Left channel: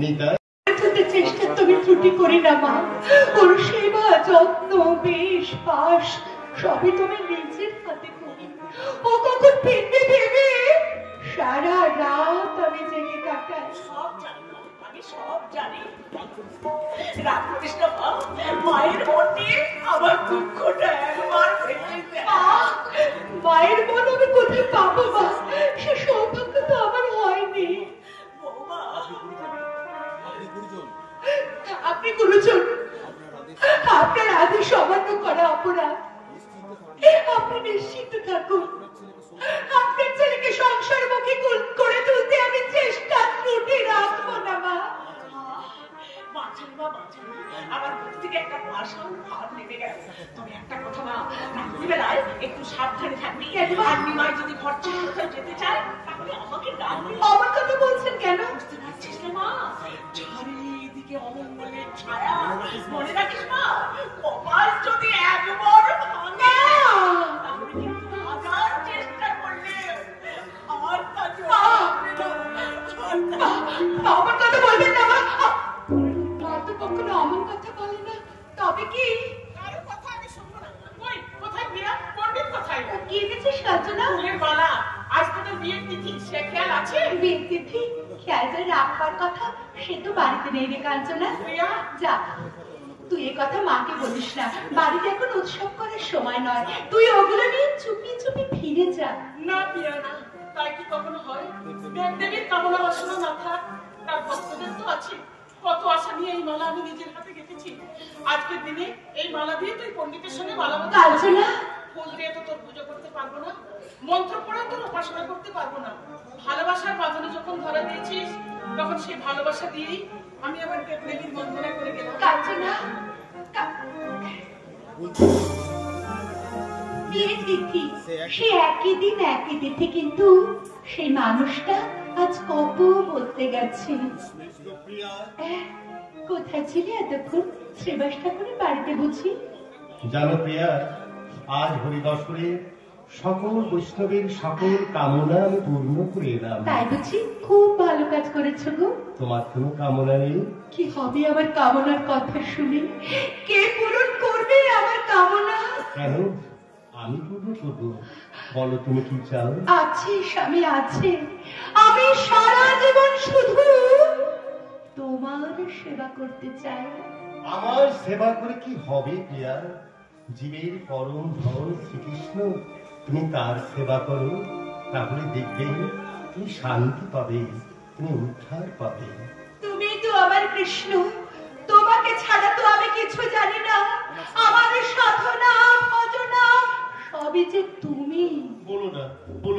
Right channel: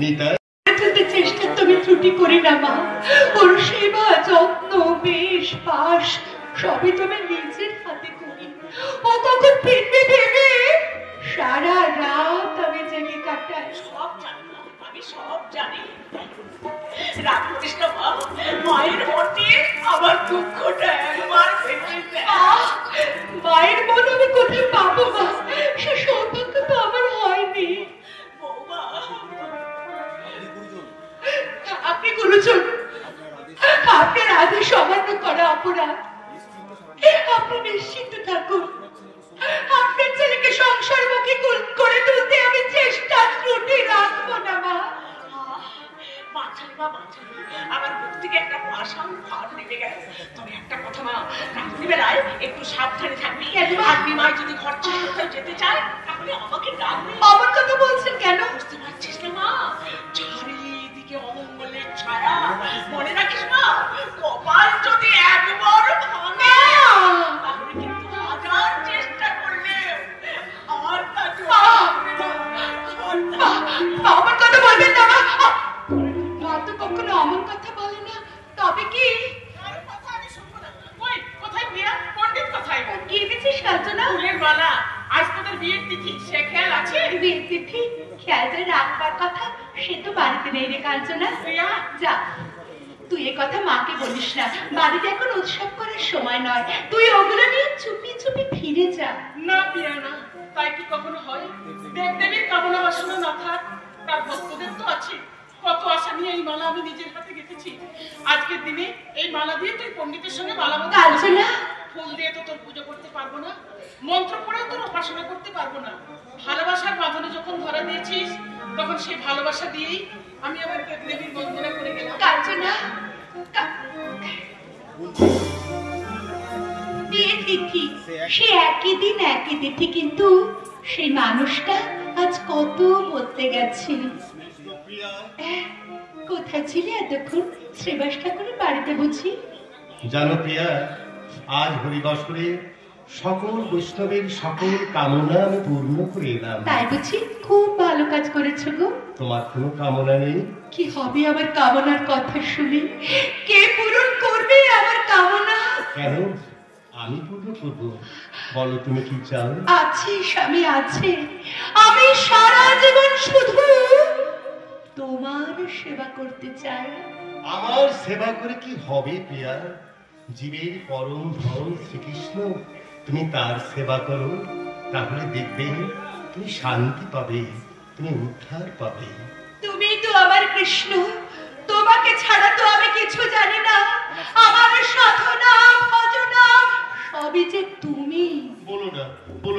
নিতাই চেষ্টা তুমি ত্রুটি করি না মা। ওর সেবা যত্ন বেশ পাশ সবই তুমি নিজের হাতে করি। ও কখন ফিরবে ভেবে সারা রাত আমি জেগে কাটাই। সব জানি আমি সব জানি। রাত করিস না মা, মায়ের মনে আমার দুঃখটা একবার মায়ের মন আমি কোথায় পাবো মা? সে সৌভাগ্য তো আমার হয়নি। বৌমা আপনি গুরুজন, আপনার আদেশ অমান্য করা অপরাধ। আপনি নিশ্চিন্ত থাকুন, আপনার ছেলেকে সংসারমুখী করে তুলতে আমি চেষ্টা ত্রুটি রাখবো না মা। আমার বুক থেকে একটা ভাষণ ভার নেমে গেল। তবে একটা কথা মা, রাত্রিবেলায় একটু সাবধানে থাকবি। আপনি মা যদি ঘর ছেড়ে কোথাও যেতে চায় তাহলে আমাকে ডাকবি। আমার কথা বলছেন কেন? বুঝতে পারছিস না মা, চারিদিকে অমঙ্গলের ছায়া। মনে রাখিস মা, কপাল যদি একবার ভাঙে তাহলে কিন্তু হাজার চেষ্টা করলে আর তাকে আমার কথা বলবেন না মা। মা তো কখনো আমার কথা বলে না। তবে কি কোথায় বিয়া পণ্ডিত কোথায় গিয়ে গেছিস কাঞ্চনা? ফুলের মালা, আজ তোদের বিয়ের তিথি, সে খেয়াল আছে? বিয়ের তিথি খেয়াল রাখবার কথা, সে তো বাড়িতে নেই রে কাঞ্চনা। যা, তুই এ কথা মাকে বলিস না। বাড়িতে এখন উৎসব করার সময় নয়। তুই ওগুলো নিয়ে চুপি চুপি ফিরে যা। না বিয়া না, তাই কি কখনো হয়? দেবদেবীর কামনা বাসনা না থাক, তার ভক্তদের তো আছে। কত আশা নিয়ে এই মালা আমি নিজের হাতে গেঁথেছি। আজকের দিনে এই মালা দিয়ে তুই পণ্ডিতের সঙ্গে মালা বদল কাঞ্চনা, ফুল দিয়ে তো তোর পুজো করতে পারবো না, মন্ত্র পড়েও তোর উপাসনা করতে পারবো না। ভালোবাসার বাঁধনে যখন ধরা দিয়েছিস তখন সেই ভালোবাসা দিয়েই আমি আমার দেবদেবীর বন্দনা করে গেলাম। কাঞ্চনা, বিয়ের তিথি সে একই দিন একই তিথি, কিন্তু সেই মানুষটা আজ কত বলতে গেছে। কোথায় ছিলে এতক্ষণ? শ্রীবাস ঠাকুরের বাড়িতে বুঝি? জানো প্রিয়া, আজ হরিবাসরে সকল বৈষ্ণবের সকল কামনা আমি পূর্ণ করে এলাম। তাই বুঝি? খুব ভালো কাজ করেছো গো। তোমার কোনো কামনা নেই? কি হবে আমার কামনার কথা শুনে? কে পূরণ করবে আমার কামনা? কেন আমি পূর্ণ করবো? বলো তুমি কি চাও? আছে স্বামী, আছে। আমি সারা জীবন শুধু তোমার সেবা করতে চাই। আমার সেবা করে কি হবে প্রিয়া? জীবের পরম ধন শ্রীকৃষ্ণ, তুমি তার সেবা করো, তাহলে দেখবে তুমি শান্তি পাবে, তুমি উদ্ধার পাবে। তুমি তো আমার কৃষ্ণ, তোমাকে ছাড়া তো আমি কিছু জানি না। আমার সাধনা ভজনা সবই যে তুমি। বলো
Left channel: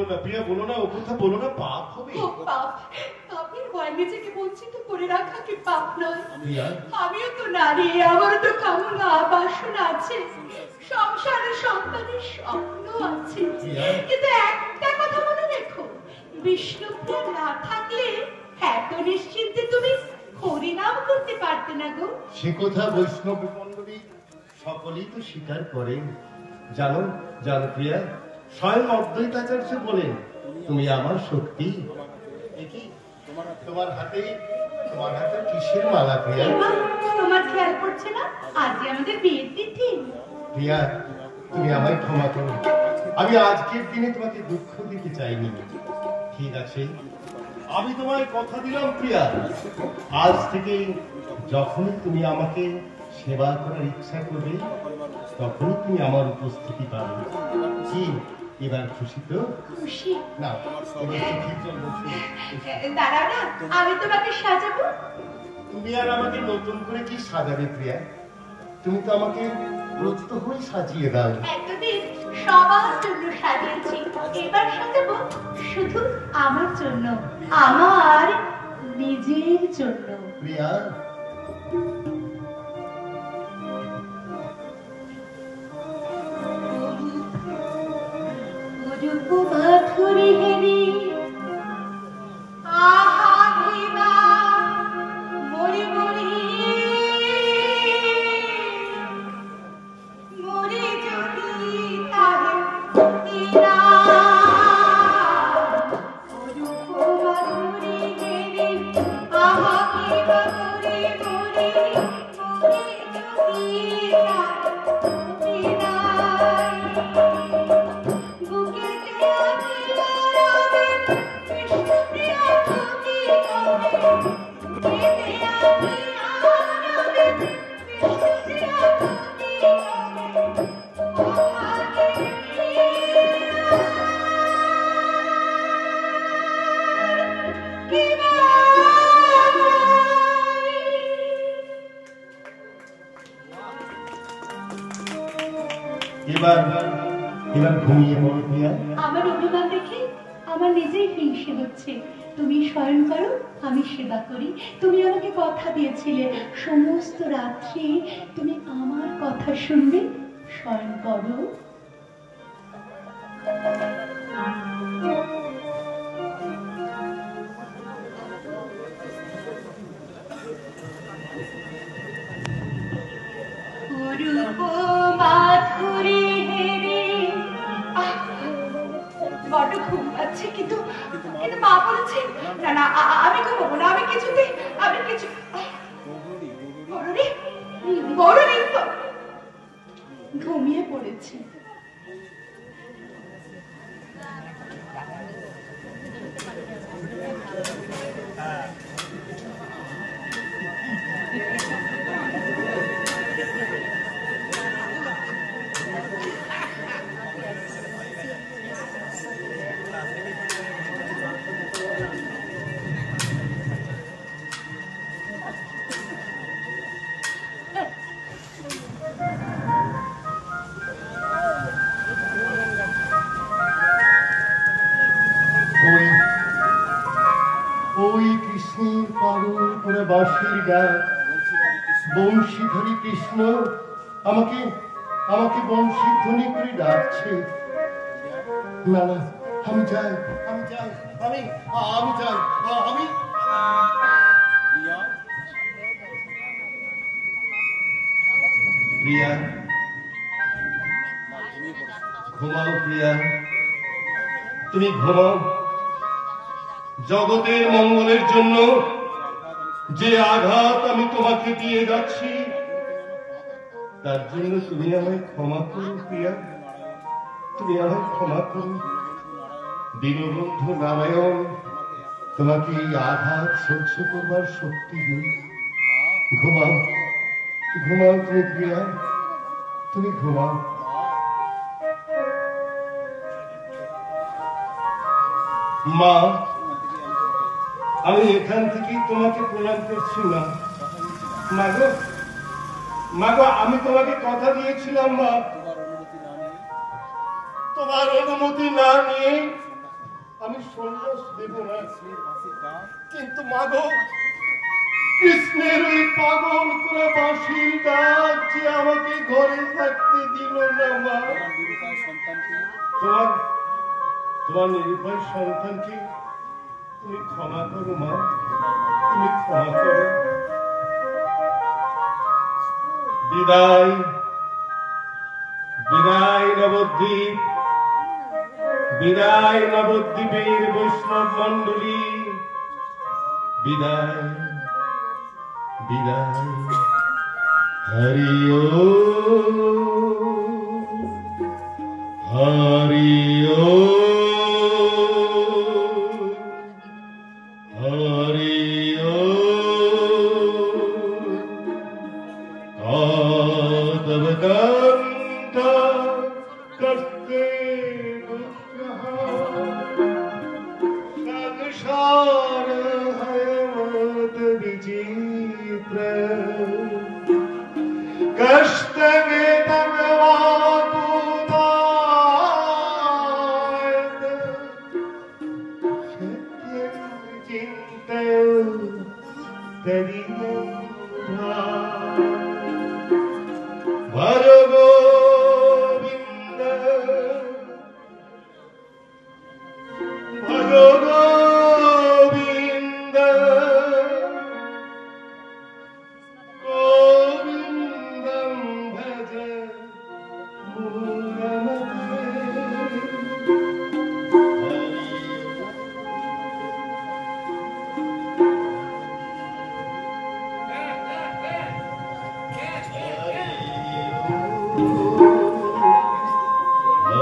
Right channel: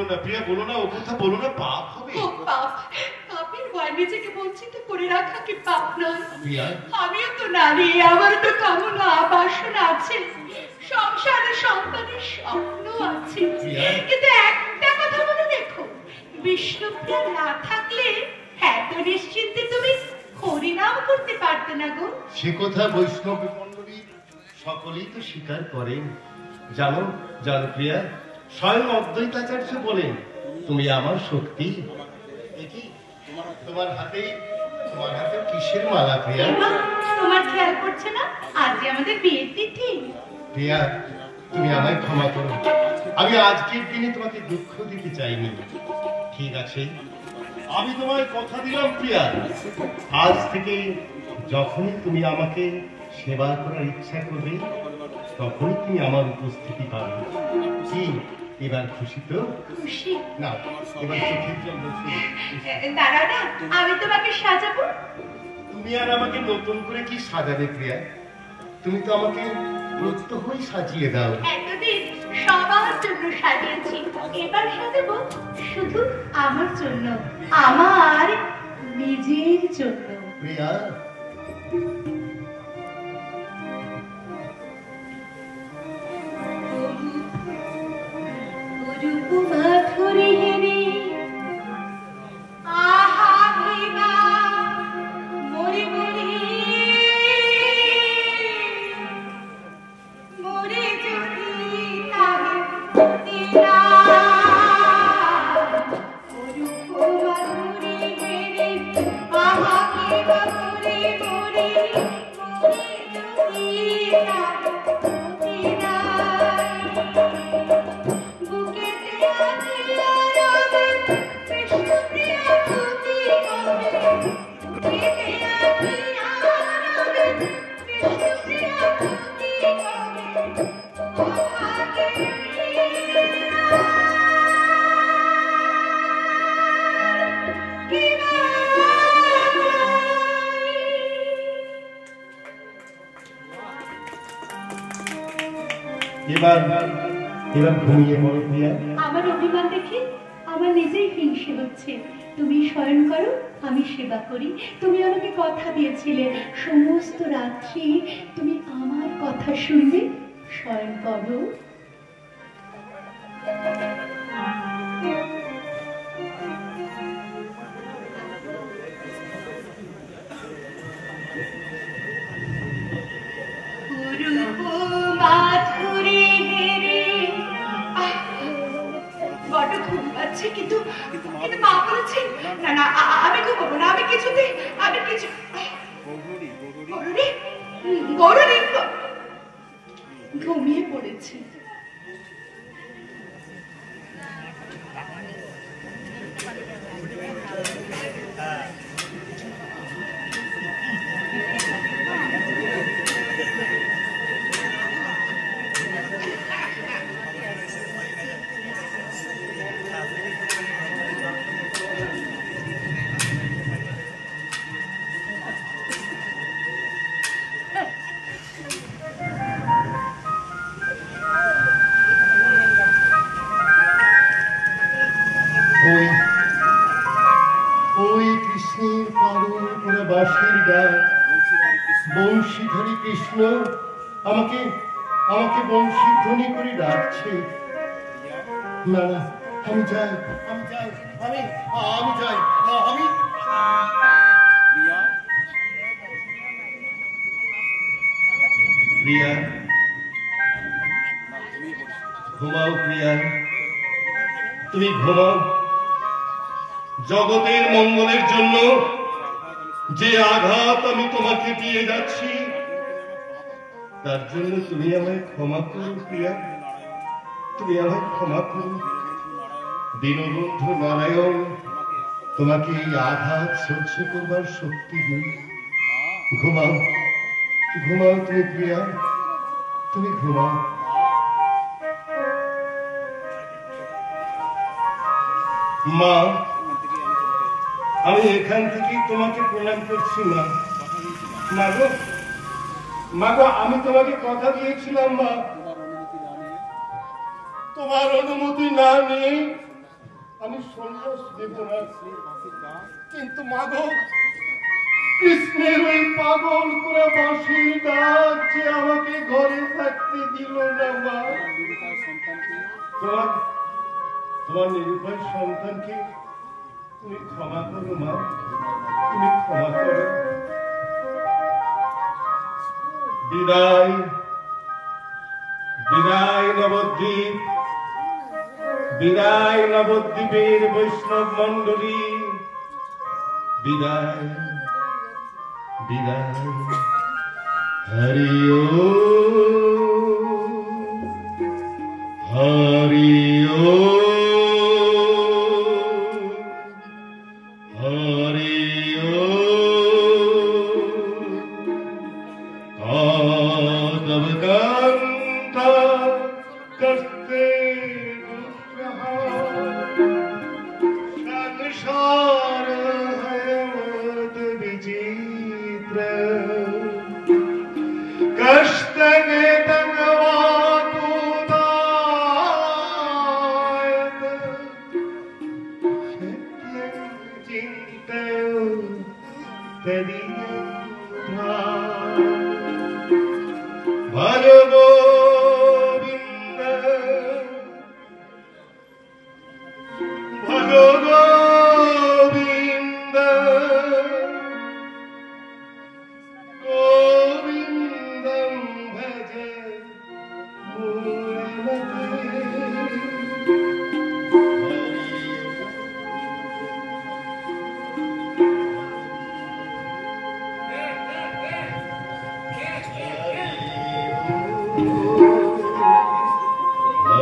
না প্রিয়া, বলো না, ও কথা বলো না, পাপ হবে। ও পাপ? পাপের ভয় নিজেকে বঞ্চিত করে রাখা কি পাপ নয়? আমিও তো নারী, আমার তো কামনা বাসনা আছে, সংসারে সন্তানের স্বপ্ন আছে। কিন্তু একটা কথা মনে রেখো, বিষ্ণুপ্রিয়া না থাকলে এত নিশ্চিন্তে তুমি হরিনাম করতে পারতে না গো। সে কথা বৈষ্ণব মণ্ডলী সকলেই তো স্বীকার করেন। জানো প্রিয়া, স্বয়ং অদ্বৈতাচার্য বলেন তুমি আমার শক্তি। তোমার হাতে কিসের মালা প্রিয়া? তোমার খেয়াল করছে না আজ আমাদের বিয়ের তিথি? প্রিয়া, তুমি আমায় ক্ষমা করো, আমি আজকের দিনে তোমাকে দুঃখ দিতে চাইনি। ঠিক আছে, আমি তোমায় কথা দিলাম প্রিয়া, আজ থেকে যখনই তুমি আমাকে সেবা করার ইচ্ছা করবে তখনই তুমি আমার উপস্থিতি পাবে। কি এবার খুশি তো? খুশি না, এবার চোখের জল মুছে দাঁড়াও না, আমি তোমাকে সাজাবো। তুমি আর আমাকে নতুন করে কি সাজাবে প্রিয়া? তুমি তো আমাকে প্রত্যহই সাজিয়ে দাও। এতদিন সবার জন্য সাজিয়েছি, এবার সাজাবো শুধু আমার জন্য, আমার নিজের জন্য। প্রিয়া, মাধুরী হেরি আহা ভিবা মরি মরি মরে যদি তাহে দিনা এবার এবার ঘুমিয়ে পড়ো প্রিয়া। আমার অভিমান দেখে আমার নিজেই হিংসে হচ্ছে। তুমি শয়ন করো, আমি সেবা করি। তুমি আমাকে কথা দিয়েছিলে সমস্ত রাত্রি তুমি আমার কথা শুনবে। শয়ন করো। বড্ড ঘুম পাচ্ছে, কিন্তু মা বলেছে না না আমি ঘুমাবো না। আমি কিছু গৌরী ঘুমিয়ে পড়েছি। ওই কৃষ্ণের পাগল করে বাঁশির গান, বংশীধারী কৃষ্ণ আমাকে আমাকে বংশীধ্বনি করে ডাকছে। না না, আমি যাই, আমি যাই, আমি আমি যাই, আমি প্রিয়া। ঘুমাও প্রিয়া, তুমি ঘুমাও। জগতের মঙ্গলের জন্য যে আঘাত আমি তোমাকে দিয়ে যাচ্ছি, তার জন্য তুমি আমায় ক্ষমা করো প্রিয়া, তুমি আমায় ক্ষমা করো। দীনবন্ধু নারায়ণ তোমাকে এই আঘাত সহ্য করবার শক্তি দিন। ঘুমাও, ঘুমাও তুমি প্রিয়া, তুমি ঘুমাও। মা, আমি এখান থেকেই তোমাকে প্রণাম করছি। মা, মাগো মাগো, আমি তোমাকে কথা দিয়েছিলাম মা, তোমার অনুমতি না নিয়ে আমি সন্ন্যাস দেব না। কিন্তু মাগো, কৃষ্ণের ওই পাগল করে বাঁশির ডাক যে আমাকে ঘরে থাকতে দিল না মা। তোমার নিরুপায় সন্তানকে তুমি ক্ষমা করো মা, তুমি ক্ষমা করো। বিদায়, বিদায় নবদ্বীপ, বিদায় নবদ্বীপের বৈষ্ণব মণ্ডলী, বিদায়, বিদায়। হরি ওম, হরি ওম, হরি ওম। তব কান্ত করতে संसार है मत विचित्र, कष्ट वेदन वातुदायक, सत्यं चिन्तय तदियन्धा। भज गोविन्द, भज गोविन्द, गोविन्दं भज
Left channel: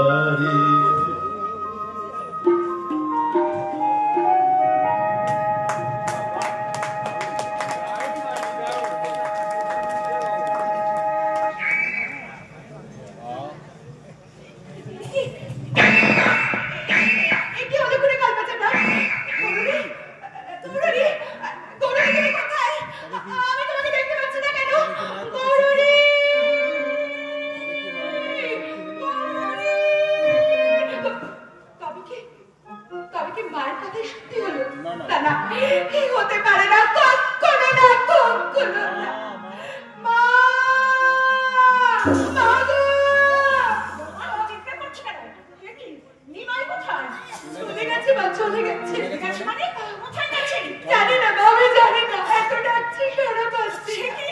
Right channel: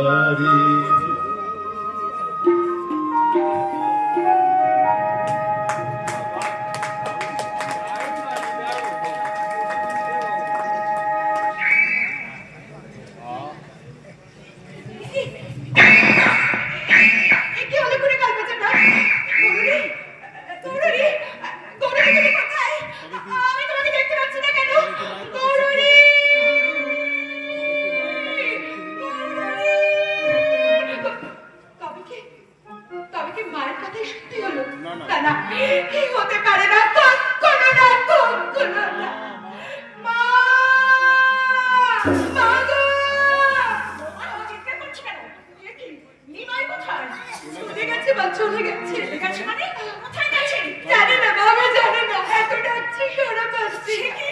हरि কি মায়ের কথাই সত্যি হলো? না না, এই হতে পারে না, কখনো না, কখনো না। মা, মা গো! চিন্তা করছি কেন? এ কি? নিমাই কোথায়? চলে গেছে মা, চলে গেছে। চলে গেছে মানে? কোথায় গেছে? জানি না মা, আমি জানি না, এত ডাকছি সারা পাচ্ছি। সে কি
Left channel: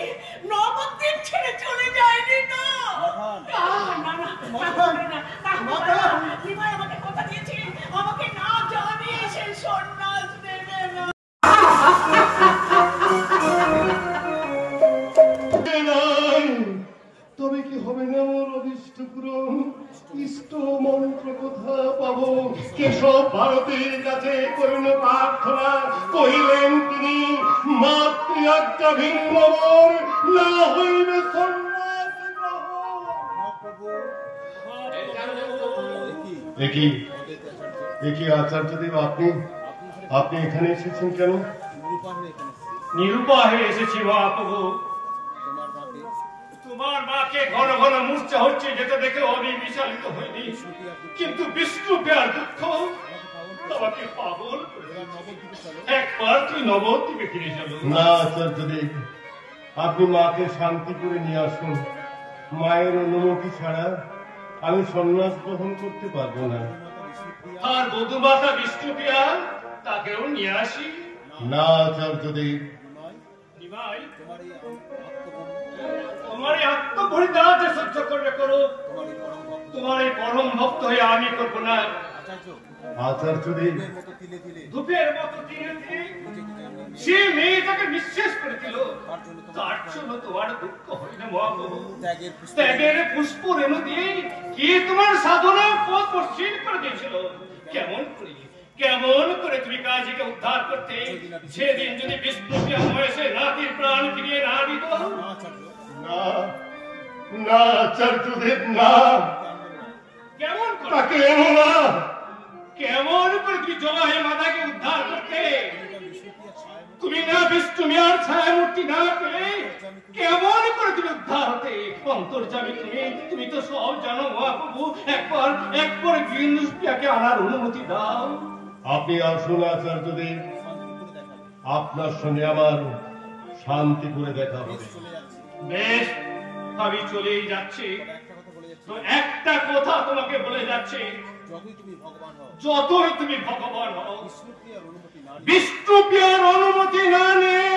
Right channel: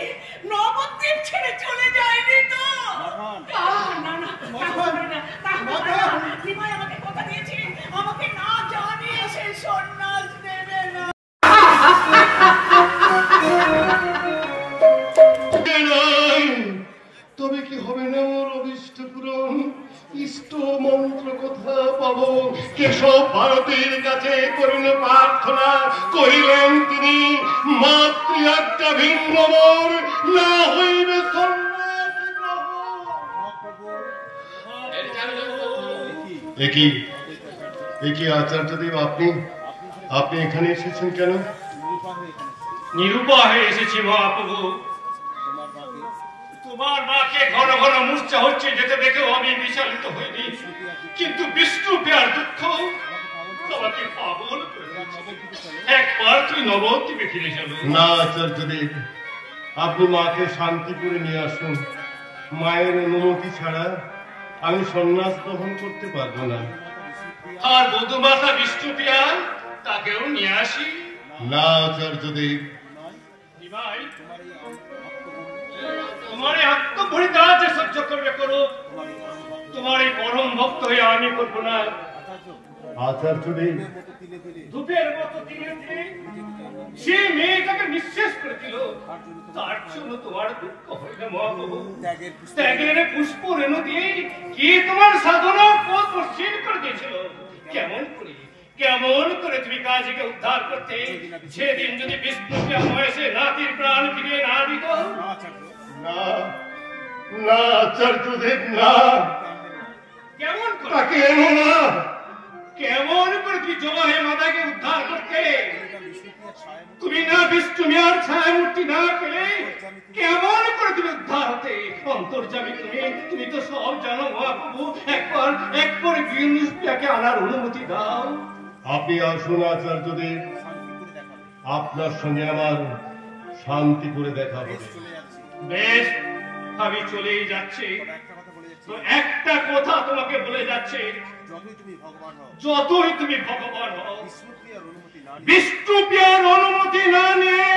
নবদ্বীপ ছেড়ে চলে যায়নি তো? না না, তা হবে না, তা হবে না। নিমাই আমাকে কথা দিয়েছে, আমাকে না জানিয়ে সে সন্ন্যাস নেবে না। তবে কি হবে না ওর অভিষ্ট পূরণ? ইষ্ট মন্ত্র কথা পাবো কেশব ভারতীর কাছে করিল প্রার্থনা, কহিলেন তিনি মাতৃ আজ্ঞা ভিন্ন মোর না হইবে সন্ন্যাস গ্রহণ। একই আচার্যদেব, আপনি এখানে এসেছেন কেন? নিরুপায় হয়ে এসেছি মহাপ্রভু। তোমার মাকে ঘন ঘন মূর্ছা হচ্ছে যেতে দেখেও আমি বিচলিত হইনি, কিন্তু বিষ্ণু পেয়ার দুঃখ তোমাকে পাগল করে দিয়েছে। একবার তুই নবদ্বীপে ফিরে চলো। না আচার্যদেব, আপনি মাকে শান্তি করে নিয়ে আসুন। মায়ের অনুমতি ছাড়া আমি সন্ন্যাস গ্রহণ করতে পারবো না। আর বধুমাতা বিষ্ণু পেয়া তাকেও নিয়ে আসি। না আচার্যদেব, নিমাই, তোমার এই আত্মপরিত্যাগ যে সহ্য করবে করো, তোমার এই পরম ভক্ত হয়ে আমি করবো না। আচার্যদেব, ধূপের মতো ধীরে ধীরে সে মেয়েটাকে নিঃশেষ করে দিল, তার জন্য তোমার দুঃখ হয় না মহাপ্রভু? ত্যাগের পুষ্প রেণু দিয়ে কি তোমার সাধনার পথ মসৃণ করে দিয়েছিল? কেমন করে তুমি কাজীকে উদ্ধার করতে, সেদিন যদি বিষ্ণুপ্রিয়া বয়সে নাতির প্রাণ ফিরিয়ে না দিত? না না আচার্যদেব, না, কেমন করে তাকে এনো না। কেমন করে তুমি জলাহে মাতাকে উদ্ধার করতে? তুমি না বিষ্ণু মিয়ার ছায়া মূর্তি না পেলে কেমন করে তুমি উদ্ধার হতে? অন্তর্যামী তুমি তো সব জানো মহাপ্রভু। একবার বিষ্ণুপ্রিয়াকে আনার অনুমতি দাও। আপনি আসুন আচার্যদেব, আপনার সঙ্গে আমার শান্তি করে দেখা হবে। বেশ, আমি চলেই যাচ্ছি। তো একটা কথা তোমাকে বলে যাচ্ছে, যতই তুমি ভগবান হও, বিষ্ণুপ্রিয়ার অনুমতি না নিয়ে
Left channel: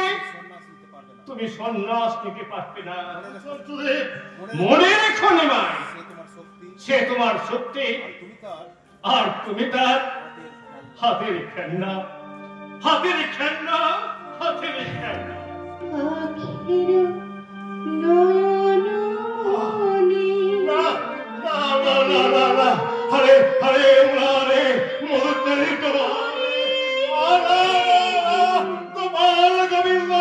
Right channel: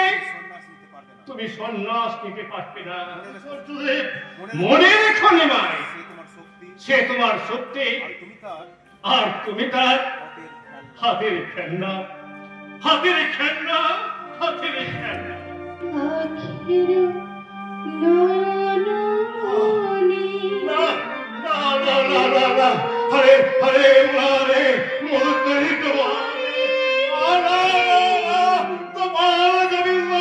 তুমি সন্ন্যাস নিতে পারবে না। মনে রেখো নিমাই, সে তোমার শক্তি আর তুমি তার হাতের খেলনা, হাতের খেলনা, হাতের খেলনা। হরে হরে মারে মোরে তোমার গোবিন্দ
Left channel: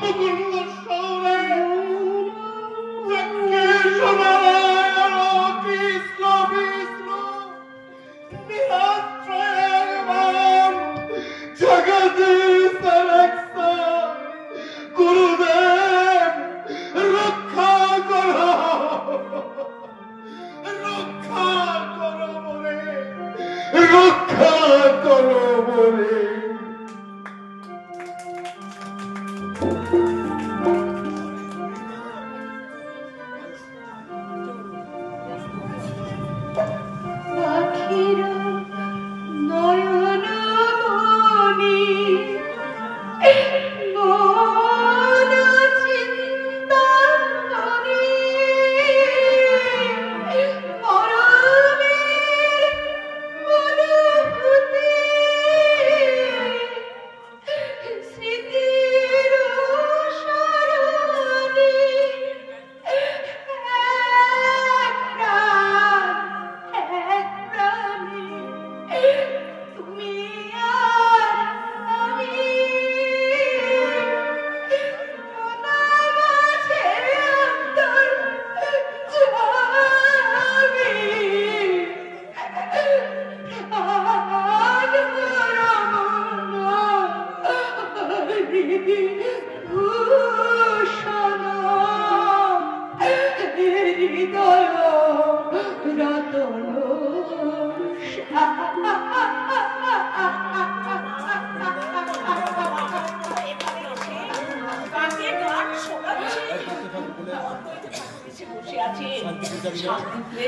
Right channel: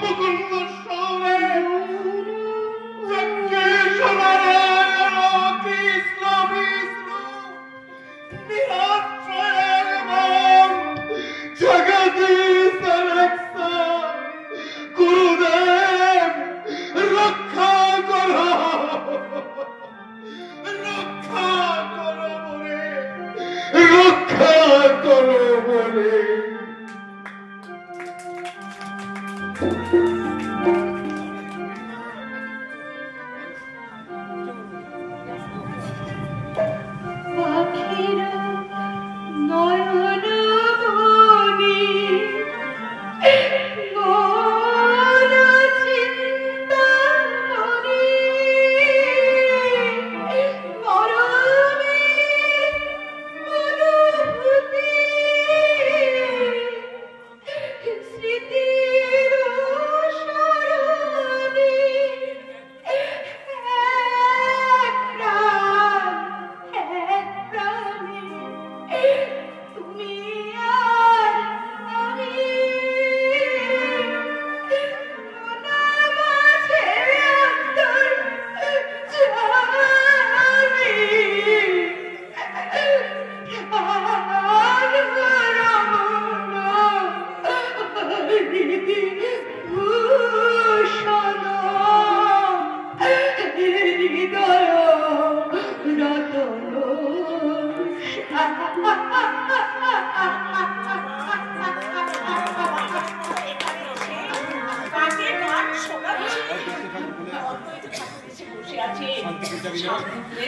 মুকুন্দ সৌরে কৃষ্ণ বিষ্ণু নিরাশ্রয় জগদীশ গুরুদেব রক্ষা করো, রক্ষা করো বলে, রক্ষা করো বলে।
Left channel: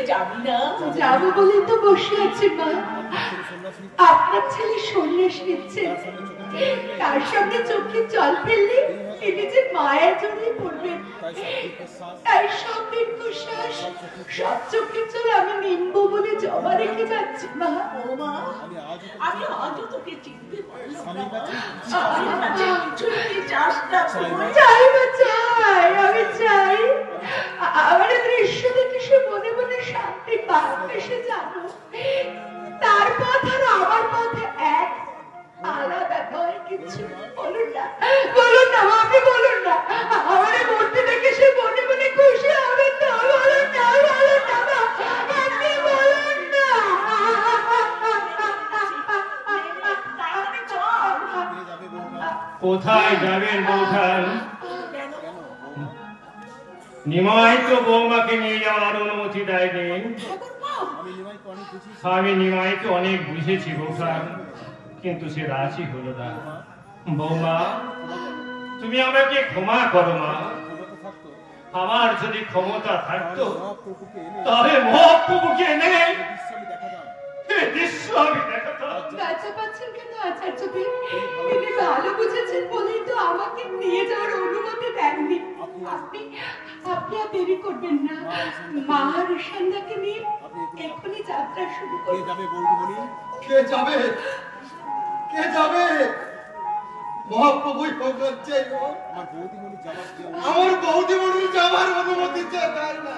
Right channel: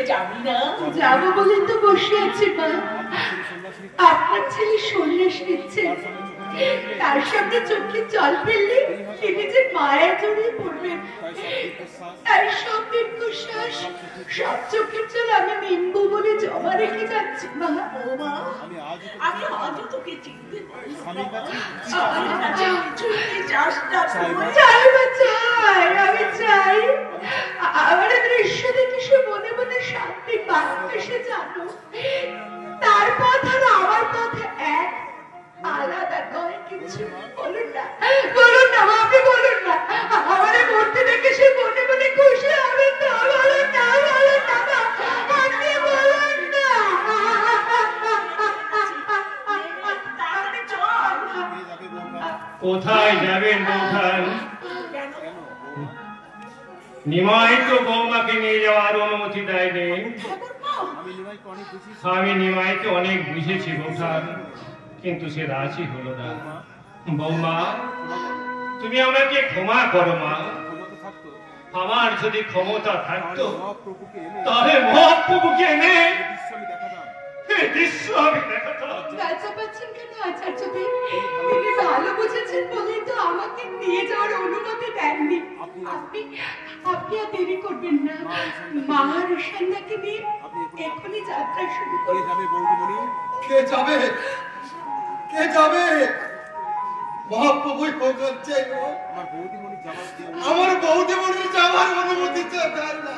যাবি না? যাবো বলে তো বসে আছি মা। আপনার ছেলে সন্ন্যাস নিচ্ছে, তার সামনে চোখে জল ফেললে তিনি যে মায়া জড়িয়ে পড়বেন, তাই সব দীর্ঘশ্বাস সব চোখের জল আমি নিম্বু বলে জমা রেখে যাচ্ছি মা। ও মা, আমি আজও তোকে চিনতে পারলাম না। আমার কাছে কিছুই কি চাস না তুই? চাই মা, চাই, আমি চাই আমার দৃশ্য দেখে সে মনে মনে শান্তি পাবে, সে জানো তার পথ আর আমার পথ এক, আলাদা নয় কিছু। বলুন না, বলুন না মা, আপনি বলুন না, আমার মূর্তি দেখে সে মনে মনে খুশি হবেন না? বলুন না, বলুন না মা, আপনি বলুন না। তাড়াতাড়ি চল। কোথায় যাবেন বৌঠান? কেন? নিমাই তো বৌমাকে নিয়ে যাওয়ার অনুমতি দেয়নি। আমি নিমাইকে অনেক বুঝেছি বৌঠান, কিন্তু সে রাজি হলো না। বৌমা, তুমি আমাকে ক্ষমা করো মা। আমার যদি ক্ষমতা থাকতো তাহলে মহাপ্রভুকে এনে এই দৃশ্য আমি দেখাতাম। লজ্জা পাচ্ছেন কেন আচার্য দেব? তিনি ভালো বুঝেছেন বলেই তো আমাকে নিয়ে যাওয়ার অনুমতি দেননি। আপনি আপনি আর দেরি করবেন না, মা আর ঈশানদাকে নিয়ে এখনই যাত্রা শুরু করুন। কে যাবে? কে যাবে? মহাপ্রভুই ভগবান চাইল। আমার বৌদিমণি যাওয়ার অনুমতি চায় না।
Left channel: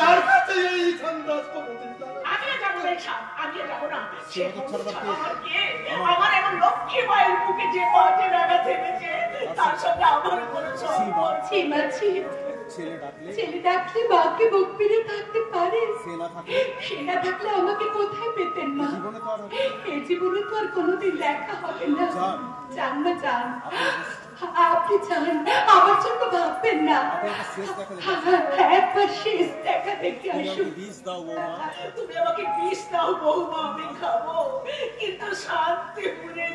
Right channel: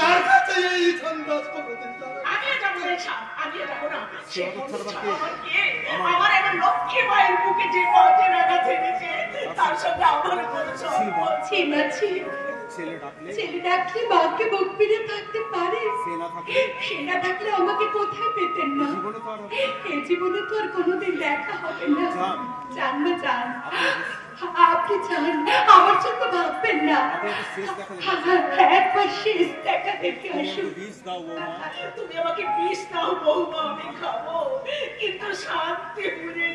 তার কাছে এই ঈশান দাস কোনোদিন যাবে না। আমিও যাবো রে শাম, আমিও যাবো না। সে বলছে আমার কে? আমার এবার লক্ষ্মী মায়ের বুকে যে পাঁচে রাখা ছেড়েছে, তার সঙ্গে আমার কোনো সম্পর্ক ছিমা ছি, ছেলে ডাকলে মাকে বুক পেতে থাকতে পারে? সে না থাকলে আমাকে কোথায় পেতেন মা? এই জীবনে তো আর কোনোদিন দেখা হবে না। যান মা, যান, আপনি যান, আমার জন্য ভাববেন না। একবার শেষ দেখা দেখে আসুন। তুমি আমাকে বিষ দাও বৌমা, আমি খাবো, কিন্তু শান্তি পুরে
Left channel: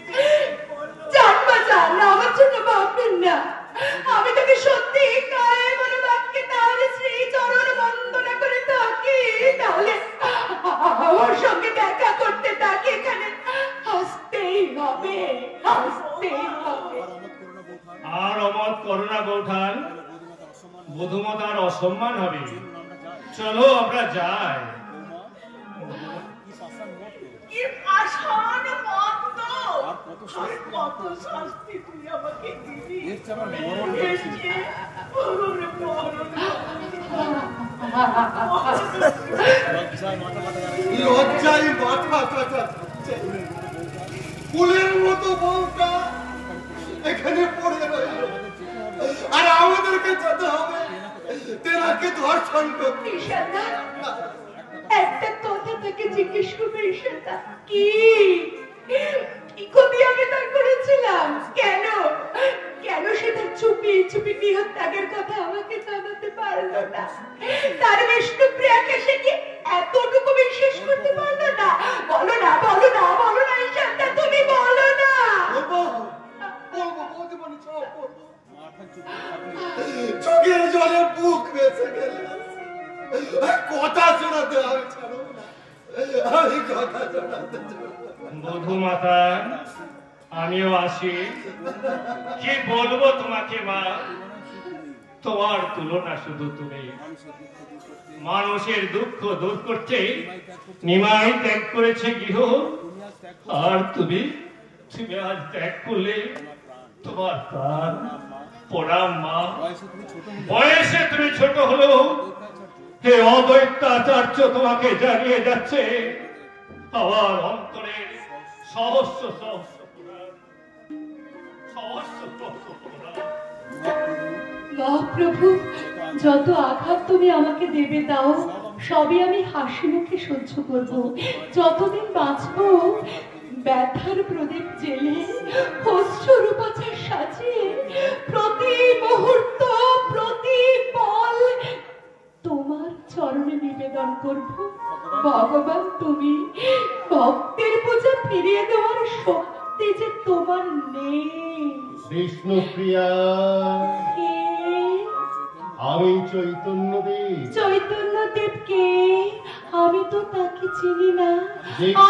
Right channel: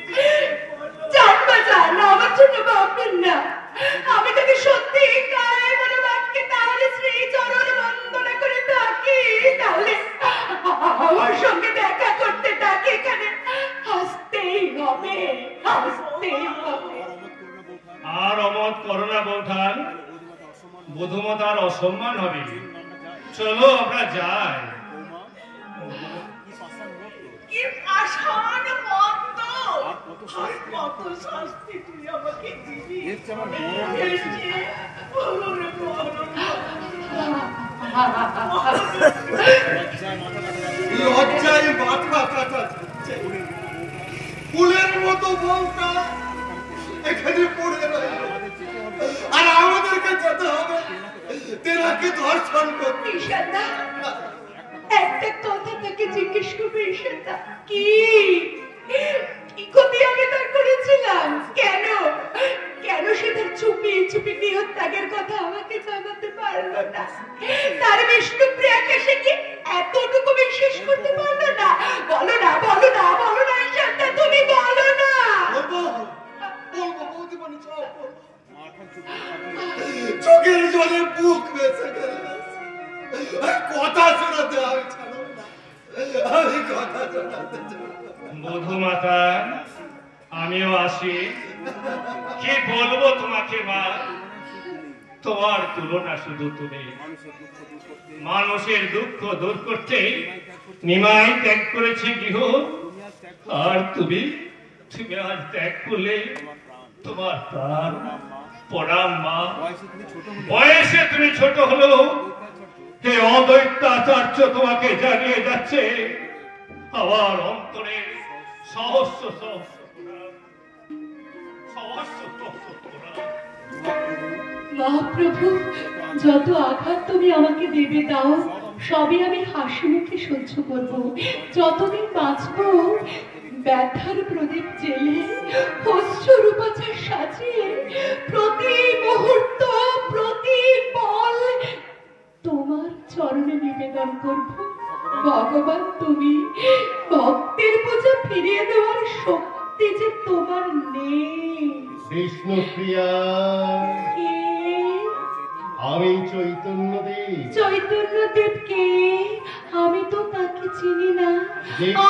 যান মা, যান, আমার জন্য ভাববেন না। আমি তোকে সত্যি কায় মনে বাক্যে তার শ্রী চরণ বন্দনা করে থাকি, তাহলে আমার সঙ্গে দেখা করতে তাকে এখানে আসতেই হবে, আসতেই হবে। আর অমত করো না বৌঠান, বধূমাতার অসম্মান হবে। চলো আমরা যাই। কি পাষাণ মন্দ, আর কত শাস্তি তুই আমাকে দিবি। ওরে মরণ। লজ্জায় মাথা কাটা যাচ্ছে। ফুলের মতো বউটা এখানে পড়ে রইল, আর আমাদেরকে যেতে হবে তেনাকে ধর্ষণ করতে। ঈশানদা, একটা কথা তাকে জিজ্ঞেস করবে ঈশানদা, কি কি ক্ষতি আমি তার করেছিলাম? কেন কেন সে তার চুপি চুপি গৃহত্যাগের কথা আমাকে জানাতে পারলো না? তার বিষ্ণুপ্রিয়াকে সে কি এতটুকু বিশ্বাস করতে পারলো না? বলো না, বলো না, বলো না ঈশানদা, তুমি বলো না। বলবো, বলবো বৌদিমণি, সব বলবো। চোখের জলে বুক বেঁচে গেল। কথা শোনাতে আমি ছাড়ব না, আমি কথা শোনাতে ছাড়ব না। বধূমাতা, আমিও আসি। কি বলবো তোমাকে মা? তোমার তুলনা শুধু তুমি। মানুষের দুঃখ দূর করতে নিমাই ত্যাগ করেছে গৃহ, আর তুমি তুমি আজ ত্যাগ করলে তোমার প্রাণ। প্রণাম মা। বয়সে তুমি ছোট হলেও হে অদ্বৈতাচার্য তোমাকে জানিয়ে যাচ্ছে আমার অন্তরে সহস্র সহস্র প্রণাম, সহস্র সহস্র প্রণাম। মহাপ্রভু, যত আঘাত তুমি আমাকে দেবে দাও, সবই আমি হাসি মুখে সহ্য করব। যতদিন বাঁচব ব্যথার প্রদীপ জেলে অশ্রুরূপাচার সাজিয়ে প্রতি মুহূর্ত প্রতি পল তোমার চরণে নিবেদন করব। ভগবান, তুমি ভক্তের পূজা ফিরিয়ে দেওয়ার শক্তি যে তোমার নেই। বিষ্ণুপ্রিয়া, আমি চৈতন্যদেব। চৈতন্যদেবকে আমি তো তাকে চিনি না,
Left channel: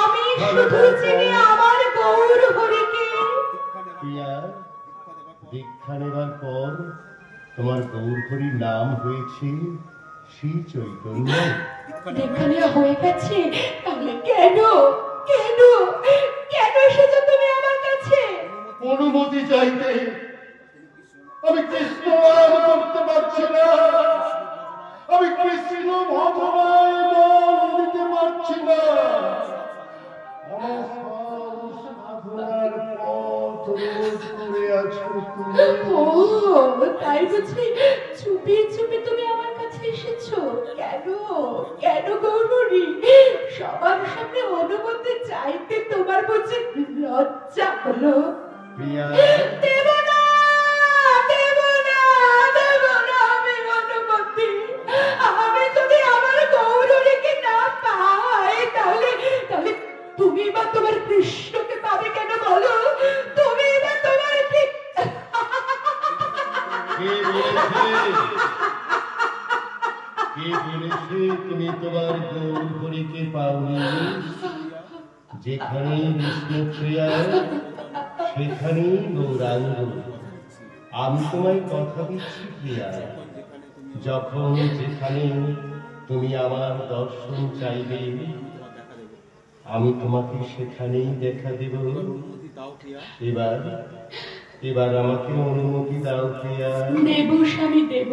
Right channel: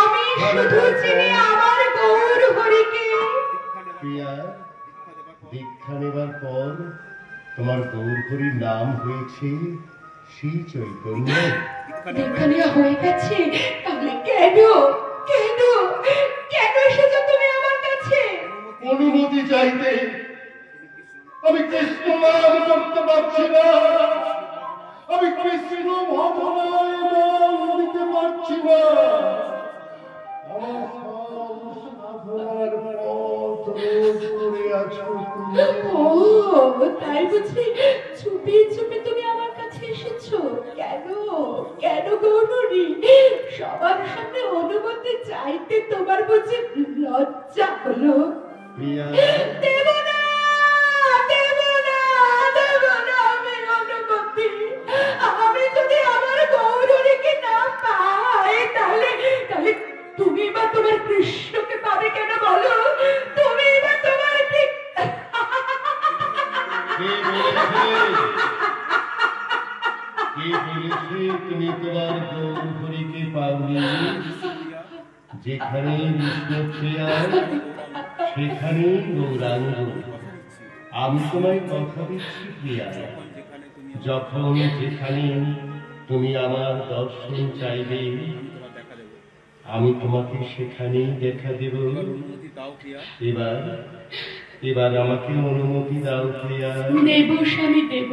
আমি শুধু চিনি আমার গৌর হরিকে। প্রিয়া, দীক্ষা নেবার পর তোমার গৌর হরির নাম হয়েছে শ্রী চৈতন্য। দীক্ষা নেওয়া হয়ে গেছে, তাহলে কেন কেন কেন এসেছো তুমি আমার কাছে? অনুমতি চাইতে। আমি কৃষ্ণ নাম করতে পারছি না, আমি কৃষ্ণ ভজনায় মন দিতে পারছি না। আমার সাধনার পথ রোধ করে আছো তুমি। ও তাই বুঝি চুপি চুপি তুমি আমার কাছে এসেছো? কেন কেন গৌরী? সবার সামনে অনুমতি চাইতে তোমার বুঝি লজ্জা হলো? প্রিয়া, দেব না, দেব না, দেব না আমি অনুমতি। আমি যদি আমার গৌরীকে না পাই, তাহলে তাহলে তুমি বা তোমার কৃষ্ণকে পাবে কেন বলো? তুমি বা তোমার কে বলেছে তুমি তোমার গৌর হরিকে পাওনি? যেখানে বিষ্ণুপ্রিয়া সেখানে গৌরাঙ্গ। আমি তোমায় কথা দিচ্ছি প্রিয়া, যখন যেখানে তুমি আমার দর্শন চাইবে আমি তোমাকে সেখানেই দেখা দেব। এবার এবার আমাকে অনুমতি দাও প্রিয়া। দেব স্বামী দেব,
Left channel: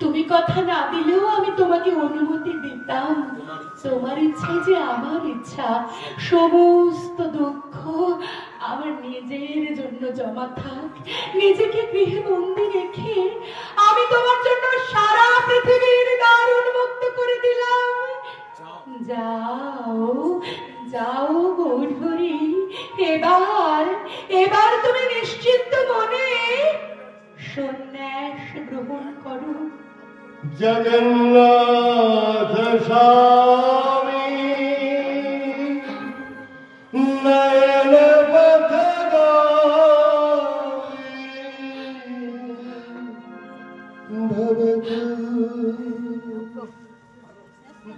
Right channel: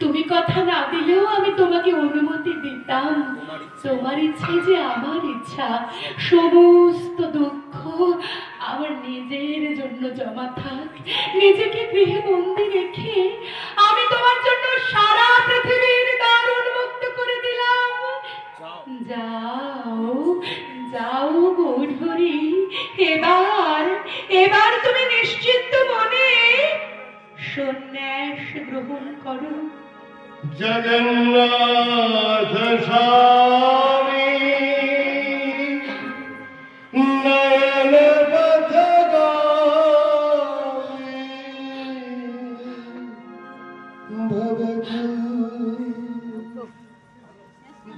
তুমি কথা না দিলেও আমি তোমাকে অনুমতি দিতাম। তোমার ইচ্ছে যে আমার ইচ্ছা, সমস্ত দুঃখ আমার নিজের জন্য জমা থাক। নিজেকে গৃহে বন্দি রেখে আমি তোমার জন্য সারা পৃথিবীর দ্বার উন্মুক্ত করে দিলাম। যাও যাও গৌরহরি, এবার এবার তুমি নিশ্চিন্ত মনে সন্ন্যাস গ্রহণ করো। জগন্নাথ স্বামী নয়ন পথগামী ভবতু।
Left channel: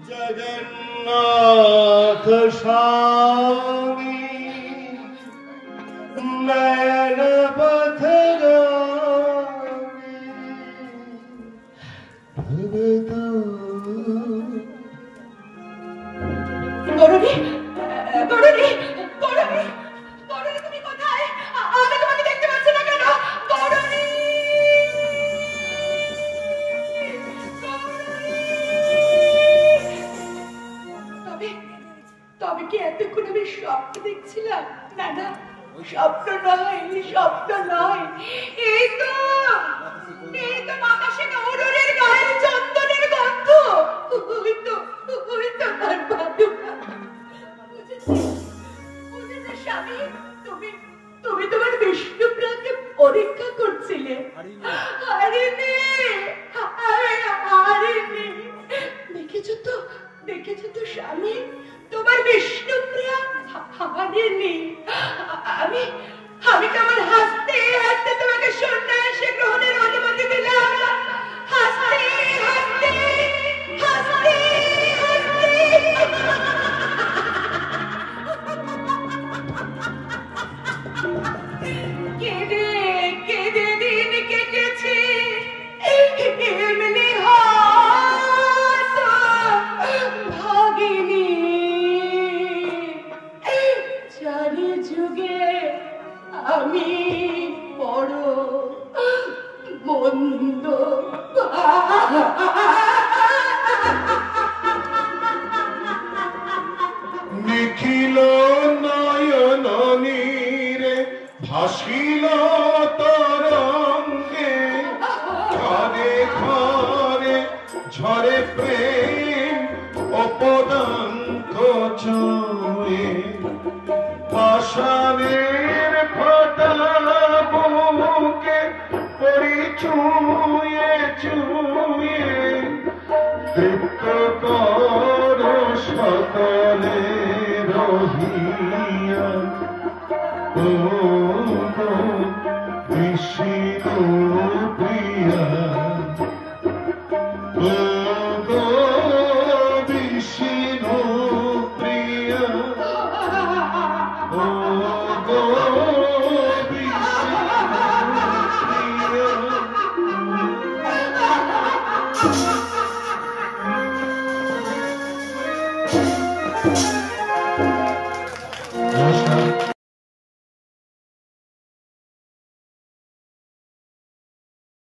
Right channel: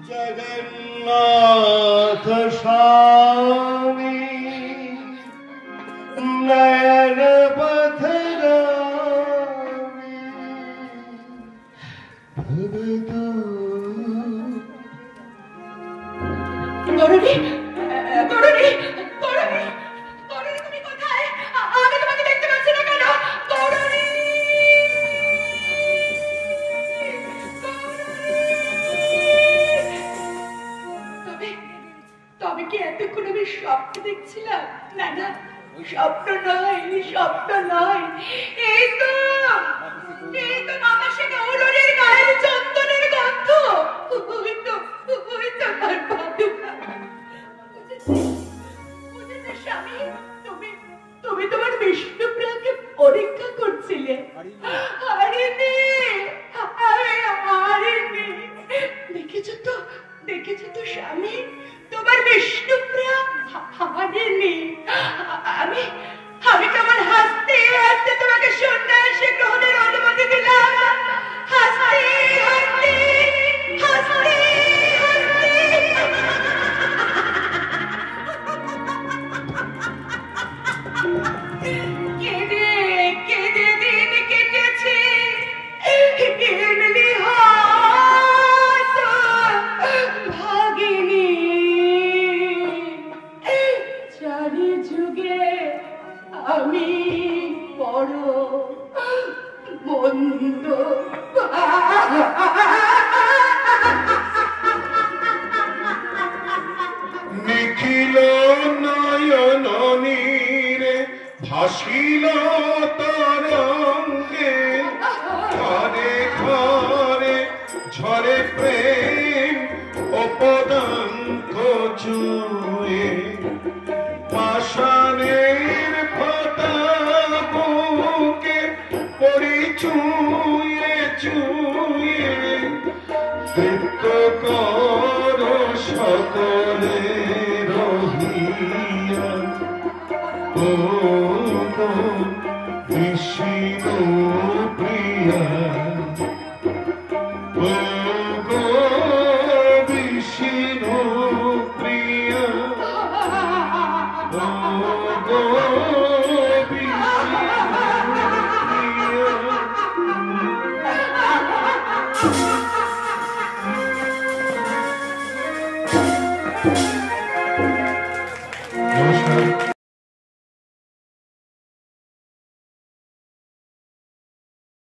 জগন্নাথ স্বামী নয়ন পথগামী গৌরী, গৌরী, গৌরী, গৌরী তুমি কোথায়? আমি তোমাকে দেখতে পাচ্ছি না কেন? গৌরী, তবে তবে কি এতক্ষণ আমি স্বপ্ন দেখছিলাম? না না, স্বপ্ন নয়, স্বপ্ন নয়। এই তো বাতাসে গৌরীর গায়ের চন্দনের গন্ধ। ওই তো তার পাদুকা। বুঝেছি স্বামী, তুমি তোমার বিষ্ণুপ্রিয়াকে পরীক্ষা করছিলে। হারিনি, আমি হারিনি। দেখেছো তো স্বামী, তোমার বিষ্ণুপ্রিয়া হারিনি। আমি কেমন হাসতে হাসতে তোমাকে সন্ন্যাসে গ্রহণের অনুমতি দিলাম। হাসতে হাসতে হাসতে কেঁদে কেঁদে দিন কেটেছে। এমনি হয়তো ভাগিনি। চারি যুগে আমি বড় মন্দ নিখিল নয়ন নীরে ভাসিল তরঙ্গে, ঘরে ঘরে ঝরে প্রেম অপদাঙ্ক ছুঁয়ে। পাষাণের ফাটা বুকে পরি ছুঁয়ে ছুঁয়ে, তৃপ্ত কর সকলে রহিয়া। ও বিষ্ণু প্রিয়া আহা